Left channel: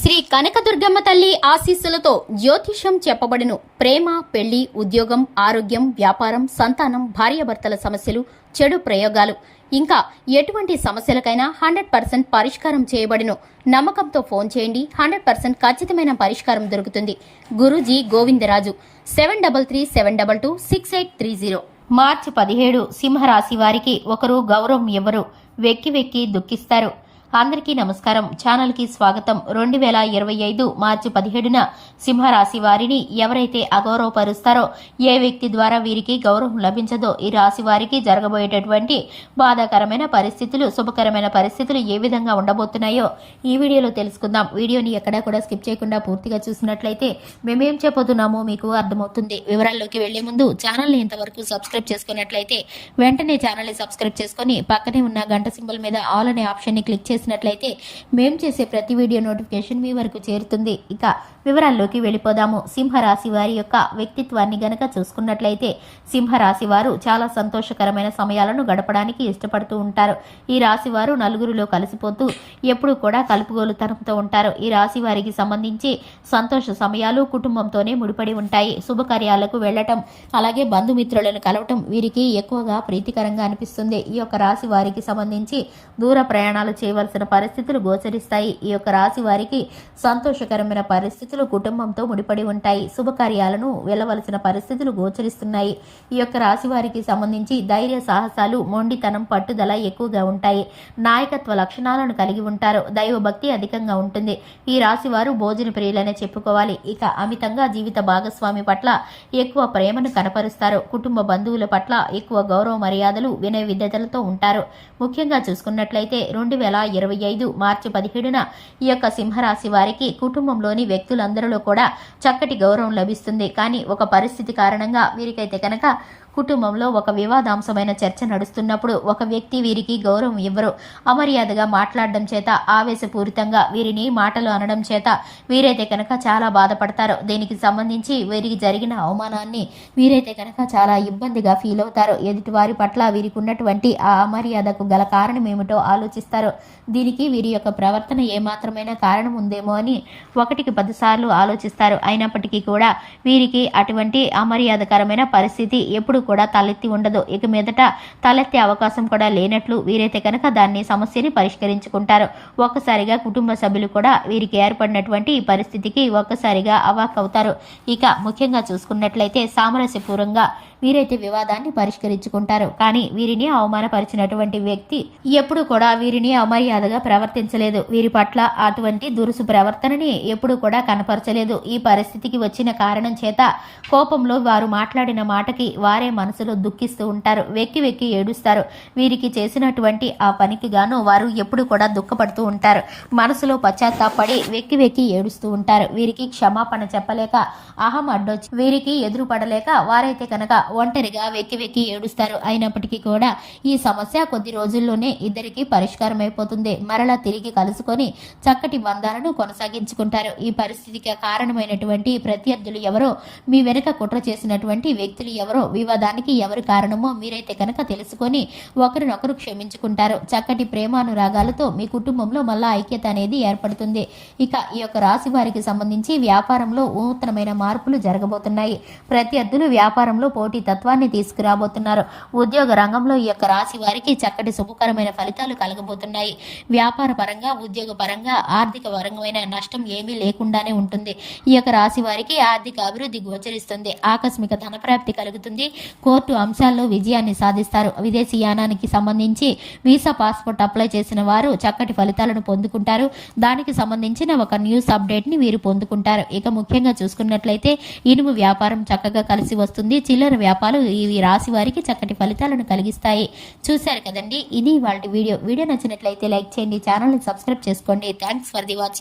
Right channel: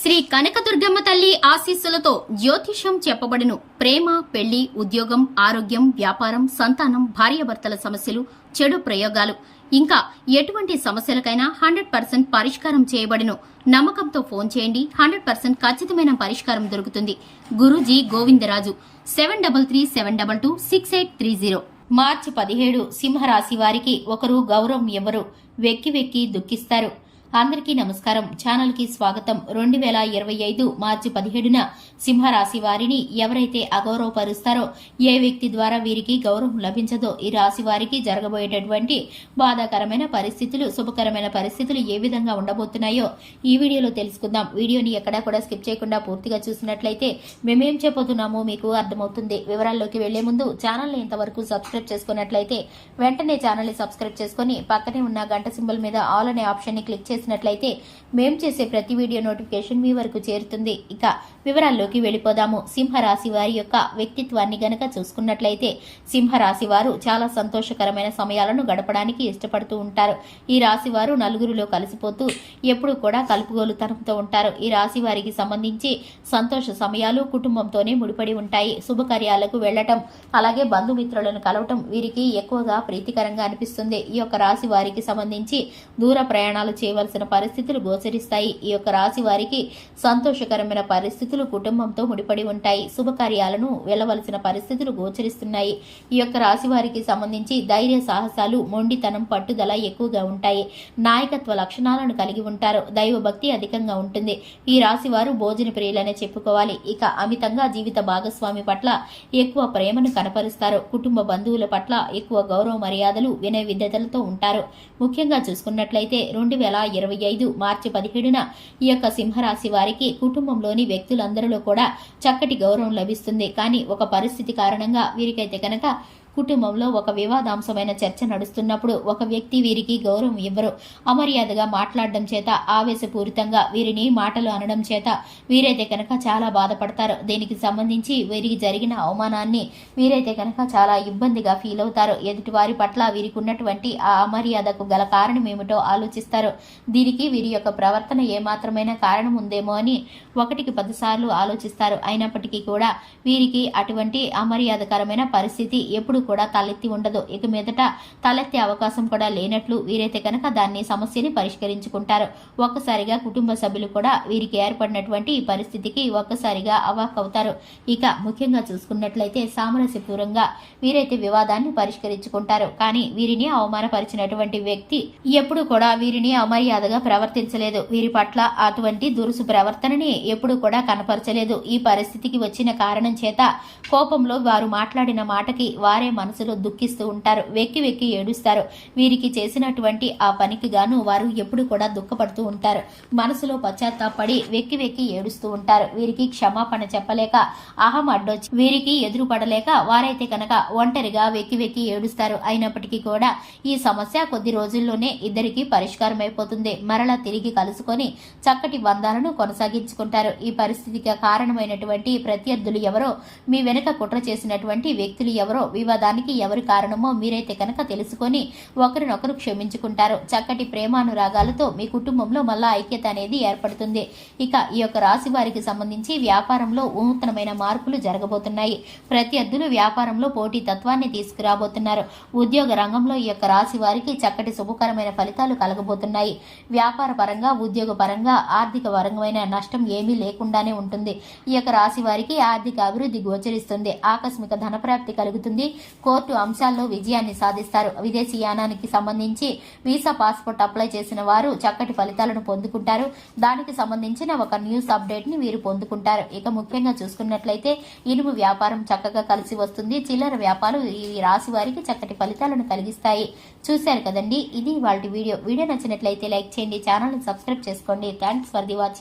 శ్రీ కనకదుర్గమ్మ తల్లి ఆశీస్సులతో జ్యోతిషం చెప్పబడును. ప్రేమ పెళ్ళి ఉద్యోగం ఆరోగ్యం వ్యాపారం సంతానం భార్యాభర్తల సమస్యలు చెడు ప్రయోగాలు. ఇంకా ఎటువంటి సమస్యలకైనా హండ్రెడ్ పర్సెంట్ పరిష్కారం చేయబడును. నమ్మకంతో ఫోన్ చేయండి. హండ్రెడ్ పర్సెంట్ ఖచ్చితమైన పరిష్కారం దొరుకుతుంది. Guruji Govindaraju seven double three seven double two six eight three zero. మార్చి పదిహేడు సింహరాశి వారికి ఒకరు గౌరవం ఎవరు? వెక్కి వెక్కి దుఃఖిస్తారు. అందరికీ నమస్కారం. ఛానల్కి స్వాగతం. రెండు వేల ఇరవై ఐదు మార్చి పదిహేడున సింహరాశి వారిని ఎవరైతే అగౌరవపరుస్తారో ఏ వ్యక్తి ద్వారా వీరికి గౌరవం లభించదో ఈ రాశి వారికి జరగబోయేటటువంటి బాధాకరమైన పరిస్థితులు శుభకరమైన పరిస్థితులు ఏ విధంగా ఉండబోతున్నాయో ఈ వీడియోలో తెలుసుకుందాం. వీడియోని ఎక్కడా కూడా స్కిప్ చేయకుండా పూర్తిగా చూసినట్లయితే మేమేం చెప్పబోతున్నామో మీకు అర్థమవుతుంది. వివరాల్లోకి వెళ్ళే ముందు ఛానల్ని ఇంతవరకు సబ్స్క్రైబ్ చేసుకున్నట్లయితే వెంటనే ఛానల్ని సబ్స్క్రైబ్ చేసుకుని పక్కనే ఉన్న గంట సింబల్ మీద ఆల్ అనే ఆప్షన్ని క్లిక్ చేసి చేసినట్లయితే మేము చేసే ప్రతి వీడియో నోటిఫికేషన్ మీ వరకు చేరుతుంది. ఇక వివరాల్లోకి వెళ్ళిపోదాము. సింహరాశి వారి యొక్క వ్యక్తిత్వాన్ని గనక చూసుకున్నట్లయితే సింహరాశి వారు చాలా సంతోషకరమైన సమయాలను గడపడానికి ఇష్టపడుతూ ఉంటారు. ఈ రాశి వారు నలుగురిలో కలిసిపోతూ ఎప్పుడు కూడా కలుపుగోలుతనంతో ఉంటారు. ఈ రాశి వారికి సంబంధించి సంతోష సమయాలు కుటుంబంతోనే ముడిపడి ఉంటాయి. శుభకార్యాలకు వెళ్ళటం అలాగే బంధుమిత్రులను కలవటం వీరికి ఎక్కువగా ప్రీతికరంగా అనిపిస్తుంది. ఈ యొక్క రాశి వారికి సంబంధించి దూర ప్రయాణాలు చేయవలసిన పరిస్థితులు గోచరిస్తాయి. ఈ యొక్క రాశి వారికి సంతోషకరమైన పరిస్థితులు కుటుంబంతో ముడిపడి ఉంటాయి. శుభకార్యాలను వెళ్ళవలసిన పరిస్థితులు గోచరిస్తున్నాయి. ఈ యొక్క రాశి వారికి సంబంధించి ధైర్య సాహసాలు మొండితనం పట్టుదల ఎక్కువగా ఉంటాయి. నాయకత్వ లక్షణాలను కలిగి ఉంటారు. దైవభక్తి అధికంగా ఉంటుంది. ఈ రాశి వారు భోజన ప్రియులనే చెప్పుకోవాలి. ఇక అమితంగా జీవిత భాగస్వామి పట్ల ఎక్కువ ప్రేమను కనపరుస్తారు. కుటుంబ బంధువుల పట్ల ఎక్కువ గౌరవ మర్యాదలు వినయ విద్యతలతో ఉంటారు. ముఖ్యంగా చూసుకున్నట్లయితే రెండు వేల ఇరవై ఐదు మార్చి పదిహేడున ఈ యొక్క సింహరాశి వారికి కుటుంబంలోని వ్యక్తులందరిలో కూడా చక్కటి గౌరవం లభిస్తుంది. కానీ ఒక పరిస్థితి కారణంగా వీరికైతే కనుక కుటుంబంలో ఒక వివాదాంశమైన చర్చ నడుస్తున్నప్పుడు ఒక వ్యక్తి వీరికి గౌరవం ఇవ్వరు. అమర్యాదగా మాట్లాడడం చేత ఆవేశపూరితంగా వీరిని మాటలు అనడం చేత వీరైతే కనుక చాలా బాధపడతారు. దీనికి సంబంధించి వీరికి జరిగిన అవమానాన్ని వీరైతే కనుక చాలా ఇబ్బందిగా ఫీల్ అవుతారు. ఎదుటి వారి పట్ల వీరికి ఉన్నటువంటి ఆ అమర్యాదకు గల కారణం ఏమిటో ఆలోచిస్తారు. దీనికి వీరి యొక్క ప్రవర్తన ఏమాత్రమైన కారణం ఉందేమో అని ఒకటికి పదిసార్లు ఆలోచిస్తారు. అయినప్పటికీ కూడా వీరికి అటువంటి అమర్యాదకరమైన పరిస్థితి ఎప్పుడు కూడా తలెత్తి ఉండదు. ఇక మీదట తలెత్తే అవకాశం కూడా లేనట్లు వీరైతే కనుక దాన్ని సమస్యని పరిష్కరించుకుంటారు. ఒక్కసారిగా కుటుంబ సభ్యులు కూడా వీరికి ఏర్పడినటువంటి పరిస్థితికి ఒక్కసారిగా అవాక్ అవుతారు. ఇక ముఖ్యంగా చూసుకున్నట్లయితే సామరస్యపూర్వంగా వీరైతే వివాదాన్ని పరిష్కరించుకుంటారు. కానీ వీరిని అవమానపరిచినటువంటి వ్యక్తి ఎప్పుడు కూడా వీరిని అమర్యాదగా ప్రవర్తించలేదు. వీరి పట్ల అటువంటి దురుసు ప్రవర్తనని ఎప్పుడు కూడా కనపరచలేదు. ఈ పరిస్థితికి వచ్చిన కారణం చేత కోపంలో వారు మాట్లాడిన మాటకి వారే మనసులో దుఃఖిస్తూ ఉంటారు. వెక్కి వెక్కి ఏడుస్తారు. వీరికి చేసినటువంటి ఆ పనికి గాను వారు ఎప్పుడు కూడా దుఃఖపడుతూ ఉంటారు. మనసులో పశ్చాత్తాపడి వెక్కి వెక్కి ఏడుస్తూ ఉంటారు. వీరికి క్షమాపణ చెప్పలేక అహం అడ్డొచ్చి వీరికి ఎదురు పడలేక వారైతే కనుక ఒంటరిగా వెక్కి వెక్కి ఏడుస్తారు. అయినప్పటికీ కూడా ఈ సమస్య కొద్ది రోజుల్లోనే ఇద్దరికి పరిష్కారం అయిపోతుంది మరలా తిరిగి కలుసుకొని చక్కటి బంధాలను కొనసాగించుకుంటారు. ఈ పరిస్థితికి కారణమైనటువంటి ప్రత్యర్థులు ఎవరో మీ వెనుక కుట్ర చేసినటువంటి వ్యక్తులు ఎవరో వివాదానికి ఎవరి కారణమో మీరైతే కనుక తెలుసుకొని ఒకరినొకరు క్షమించుకుంటారు. చక్కటి ప్రేమానురాగాలతో మీ కుటుంబంలో మళ్ళా ఐక్యత అనేది ఏర్పడుతుంది. ఇక ఈ యొక్క రాశి వారికి సంబంధించి వ్యాపారంలో నూతనమైన మార్పులు జరగబోతున్నాయి. ప్రత్యర్థులు వ్యాపారంలో పోటీ తత్వాన్ని తీసుకురాబోతున్నారు. ఉద్యోగ రంగంలో ఈ యొక్క రాశి వారికి చక్కటి శుభకరమైన ఫలితాలు కలగబోతున్నాయి. వ్యాపార పరంగా ఉద్యోగ పరంగా ఆర్థిక పరమైన నష్టం ఏమీ లేకుండానే ఉంటుంది. ఈ యొక్క రాశి వారికి ఆర్థిక అభివృద్ధి గోచరిస్తుంది. ఆకస్మిక ధనప్రాప్తి కలుగుతుంది. కోర్టు అంశాల్లో విజయాన్ని సాధిస్తారు. విదేశీ యానానికి సంబంధించి వీసా పాస్పోర్ట్ అప్లై చేసిన వారు చక్కటి ఫలితాలను పొందుకుంటారు. దానికి సంబంధించిన ఒక న్యూస్ అప్డేట్ని వీరు పొందుకుంటారు. ఇక ముఖ్యంగా చూసుకున్నట్లయితే ఇనుము వ్యాపారం చక్కగా కలిసి వస్తుంది. చిల్లర వ్యాపారాలు ఇవి రాశి వారికి చక్కటి ఫలితాలను కలిగిస్తాయి. చూశారు కదండి? ఇది వాళ్ళ వీడియో. వీడియో నచ్చినట్లయితే లైక్ చేయండి ఛానల్ని సబ్స్క్రైబ్ చేసుకోండి. Thanks for the watching.